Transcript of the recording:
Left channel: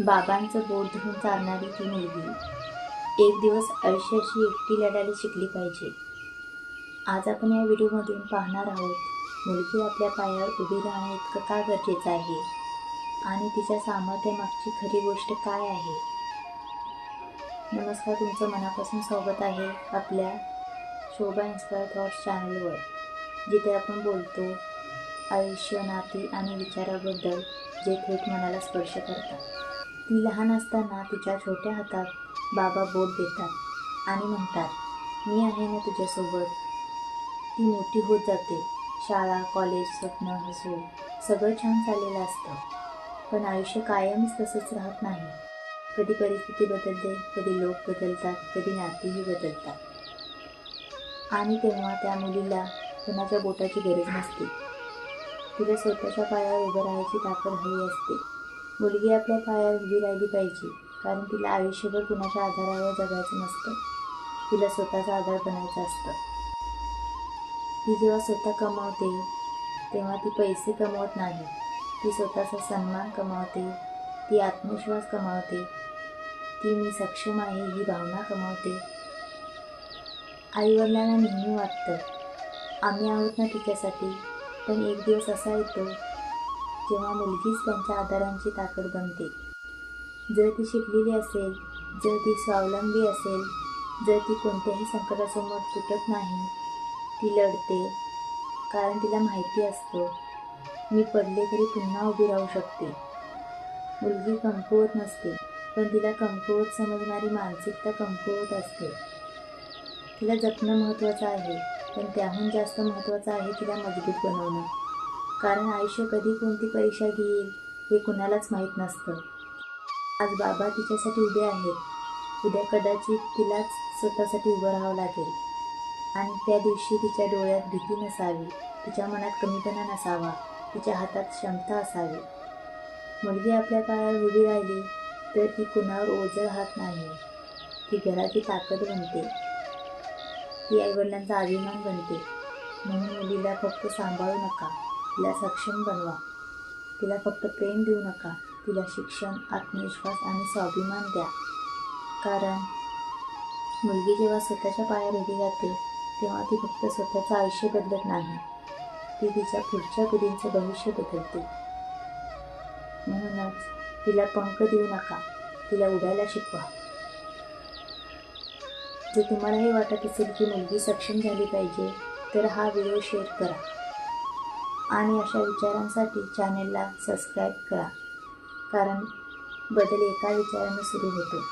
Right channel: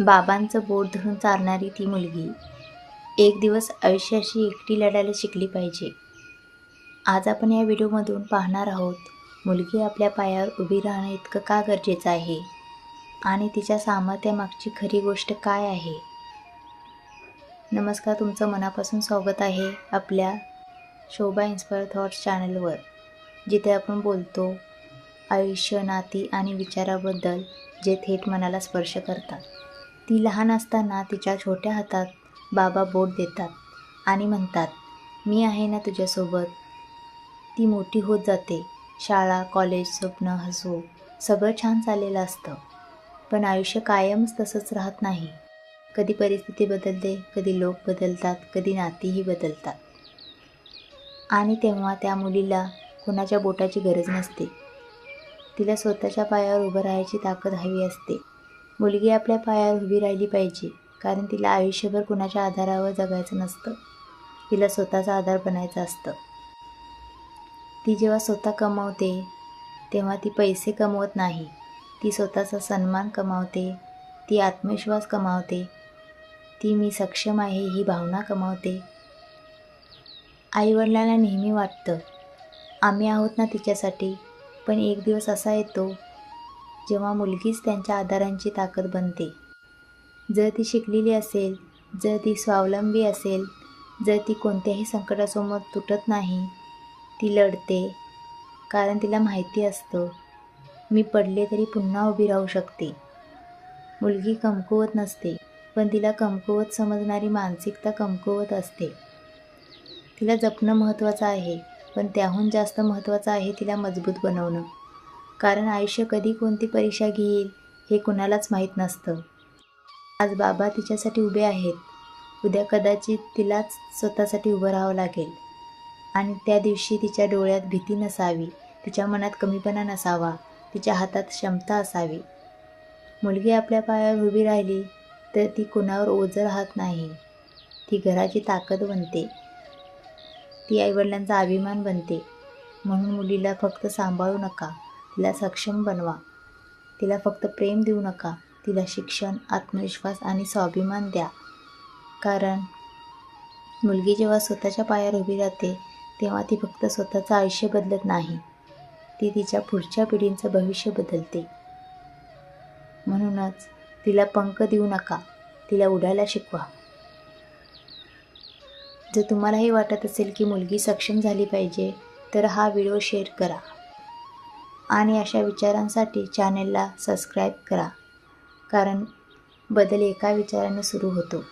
बाबांचं बोट धरून चालणारी ती मुलगी एक दिवस आयुष्याशी एकटी लढायला शिकली पाहिजे. आज आपण या व्हिडिओमधून पाहणार आहोत मुलगी आपल्या पायावर उभी राहणं इतकं का गरजेचं आहे आणि तिच्या सामर्थ्यामागची खरी गोष्ट काय आहे. नमस्कार, तुमचं मनापासून स्वागत आहे आपल्या शोभा इन्स्पायर थॉट्स चॅनलवर, जिथे आपण बोलतो आयुष्य, नाती आणि विचाराबद्दल जे थेट मनाला स्पर्श करतात. ती लहान असताना तिच्या छोट्या हातात बाबा बोट देतात आणि म्हणतात, मी आहे ना तुझ्यासोबत. ती मोठी होत जाते. शाळा, कॉलेज, स्वप्न, हसू सगळं छान चाललेलं असतं. पण आयुष्य कायमच तसंच राहत नाही. कधी परिस्थिती बदलते, कधी लोक बदलतात, कधी नातीही बदलतात. आणि तेव्हा त्या मुलीला कुणाच्या बोटाची गरज नसते. तिला स्वतःच्या पायावर उभं राहायची ताकद हवी असते. मुलगी आपल्या पायावर उभी राहिली पाहिजे, कारण तिला आयुष्यभर कुणाच्या आधारावर जगायचं नसतं. तिला स्वतःचा आधार बनायचं असतं. ती जेव्हा स्वतः कमवते तेव्हा ती पैसे कमवत नाही. ती स्वतःचा सन्मान कमावते, ती आत्मविश्वास कमावते, ती मी सक्षम आहे ही भावना कमावते. आईवडिलांना नेहमी वाटतं आम्ही आहोत ना तिच्यासाठी, पण एक दिवस असा येतो जेव्हा मुलगीच त्यांच्या आधारांची ताकद बनते. जर ती शिकलेली असेल, जर ती स्वावलंबी असेल, जर ती कोणत्याही संकटासमोर तुटत नाही, ती लढते, कारण तिला माहिती असतं मी पडले तरी पुन्हा उभी राहू शकते. मुलगी कमकुवत नसते, पण तिला कमकुवत समजणारी मानसिकता कमकुवत असते. तिला जपणं महत्त्वाचं आहे, पण त्याहून जास्त महत्त्वाचं आहे तिला मजबूत बनवणं. कारण आयुष्य कधी कोणती परीक्षा घेईल हे कुणालाच माहीत नसतं. आज बाबा तिच्यासाठी उभे आहेत, उद्या कदाचित तिलाच स्वतःसाठी उभं राहावं लागेल. आणि त्या दिवशी तिच्या डोळ्यात भीती नसावी, तिच्या मनात कमीपणा नसावा, तिच्या हातात क्षमता असावी. मुलगी आपल्या पायावर उभी राहिली तर ती कुणावर ओझं राहत नाही. ती घराची ताकद बनते, ती आईवडिलांचा अभिमान बनते. म्हणून मुलीला फक्त सांभाळू नका, तिला सक्षम बनवा. तिला फक्त प्रेम देऊ नका, तिला शिक्षण, आत्मविश्वास आणि स्वाभिमान द्या. कारण मुलगी जेव्हा स्वतःच्या पायावर उभी राहते तेव्हा ती फक्त स्वतःचं आयुष्य बदलत नाही, ती तिच्या पुढच्या पिढींचं भविष्य बदलते. म्हणूनच तिला पंख देऊ नका, तिला उडायला शिकवा. जर तुम्हालाही वाटत असेल की मुलगी सक्षम झाली पाहिजे तर हा व्हिडिओ शेअर करा आणि अशा विचारांसाठी चॅनेलला सबस्क्राईब करा, कारण बदल एका विचाराने सुरू होतो.